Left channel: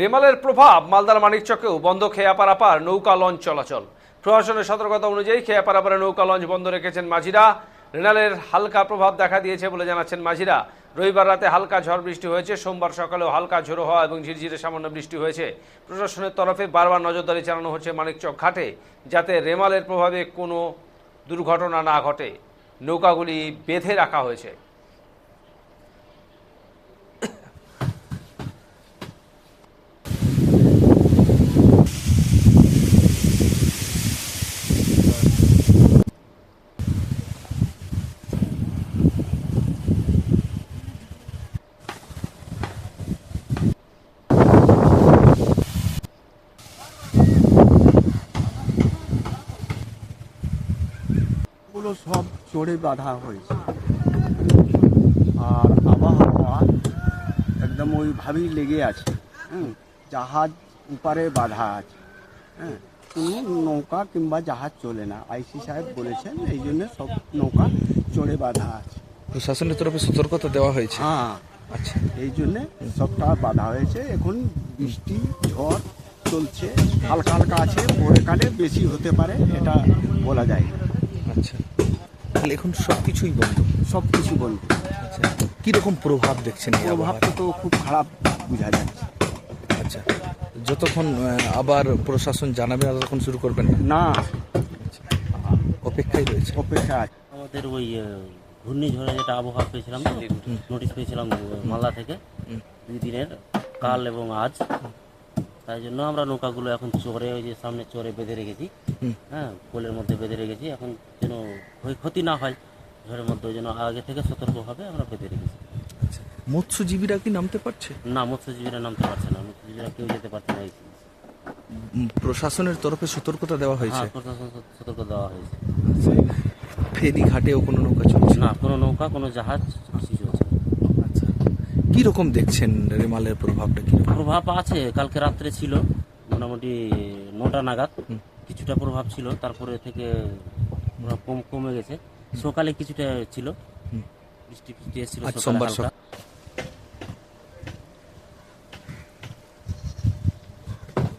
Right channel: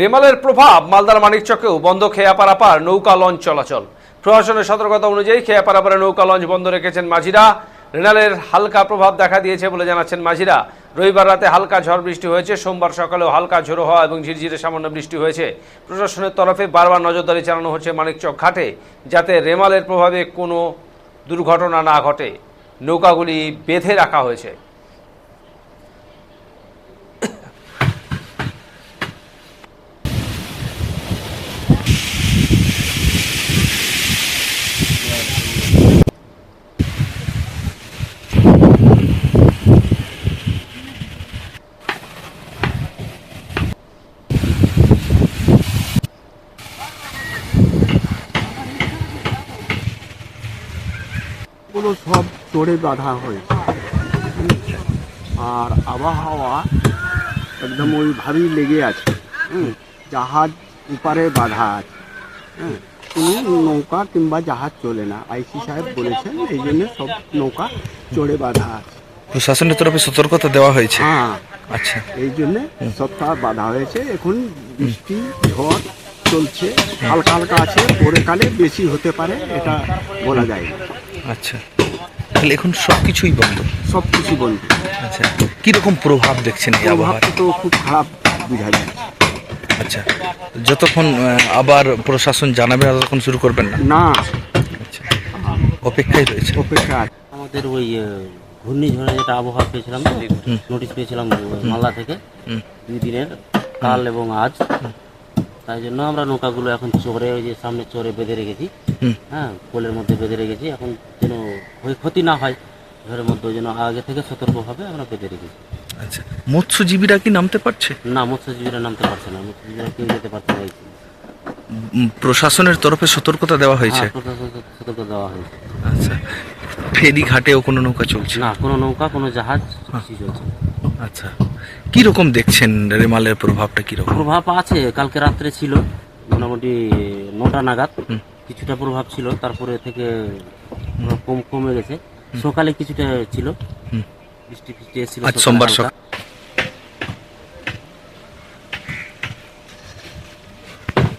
রেমালের প্রভাব মালদার মানিকচকেও বন্ধ খেয়া পারাপার নৌকা লঞ্চ চলাচল। প্রশাসনের সতর্কতা অনুযায়ী খেয়া পারাপারে নৌকা লঞ্চ বন্ধ রেখেছেন মাঝিরা। রেমালের হালকা প্রভাব দেখা দিয়েছে বলে জানাচ্ছেন মাঝিরা। রবিবার রাতে হালকা ঝড় বৃষ্টি হয়েছে, সোমবার সকালেও হালকা ঝোড়ো হওয়া এবং ঝিরঝিরে সামান্য বৃষ্টি হয়েছে। প্রশাসনের তরফে বারবার নজরদারি চালানো হচ্ছে মানিকচক ঘাটে, যাতে রেমালের প্রভাবে কোনো দুর্ঘটনা না ঘটে। নৌকাগুলি বেঁধে রাখা হয়েছে। গুলো সব চড়ে বাঁধা হয়েছে, আর আবহাওয়া একদম ওইভাবেই লেগে আছে। জাহাজ উপারে বাঁধা আছে, কোনো নৌকা কিংবা জাহাজ চলে না। আইসি সাহেব বলেছেন এই জন্য সব নৌকা চড়ে বাঁধা আছে। প্রশাসনের তরফে সতর্কতা দেওয়া হয়েছে। হ্যাঁ, আচ্ছা, এই জন্য সবটা বাঁধা হয়েছে। এখন বৃষ্টি ঝড় চলছে, হালকা হালকা আছে, পরেকালে বেশি হতে পারে, এটা বলা যায় না। আচ্ছা, তাহলে এখন সব কিছুই বন্ধ। সব কিছু বন্ধ। আচ্ছা, কীরকম প্রভাব দেখছেন এই আবহাওয়ার? প্রভাবটা তো খুব খারাপ বোঝা যাচ্ছে। আচ্ছা, যতক্ষণ আবার প্রশাসন জানাবে ততক্ষণ শুরু করবেন না? না, আচ্ছা, অপেক্ষায় রয়েছে। অপেক্ষা। আমাদের ওই ঘূর্ণিঝড়ে যেটা আবহাওয়া পেয়েছিলাম, নোটিশ পেয়েছিলাম মালদা থেকে 2 দিনের, কাল এবং আজ। তাই জন্য আমরা নৌকাগুলো এখন চরে, ওই যে সামনে চরে বেঁধে রেখেছি। হ্যাঁ, পোলের মধ্যে বেঁধে রেখেছি, এখন যেন ক্ষতি না হয় ঝড়ের মধ্যে, ওই জন্য আগে থেকে সতর্কভাবে আমরা বেঁধে রেখেছি। আচ্ছা, মৎস্যজীবীরা কি নামতে পারছে? না, মৎস্যজীবীরা নামতে পারছে না, মৎস্যজীবীরা কেউ যেতে পারছে না। প্রশাসনের তরফে সতর্কতা দেওয়া হয়েছে? হ্যাঁ, প্রশাসন সতর্ক দেওয়া হয়েছে। আচ্ছা, ফেরি ঘাটেও কোনো নৌকা চলছে না, কোনো নৌকা, কোনো জাহাজ কিছু চলছে। আচ্ছা, কি রকম দেখছেন রেমালের প্রভাবটা? কি রকম প্রভাব আছে? কালকে রাত্রে ছিল মোটামুটি 9টা নাগাদ কিছুটা প্রভাব ছিল, তারপরে থেকে কমে গেছে। সকালে কিছুটা ছিল, বৃষ্টি এসেছিল আজ সোমবার হালকা।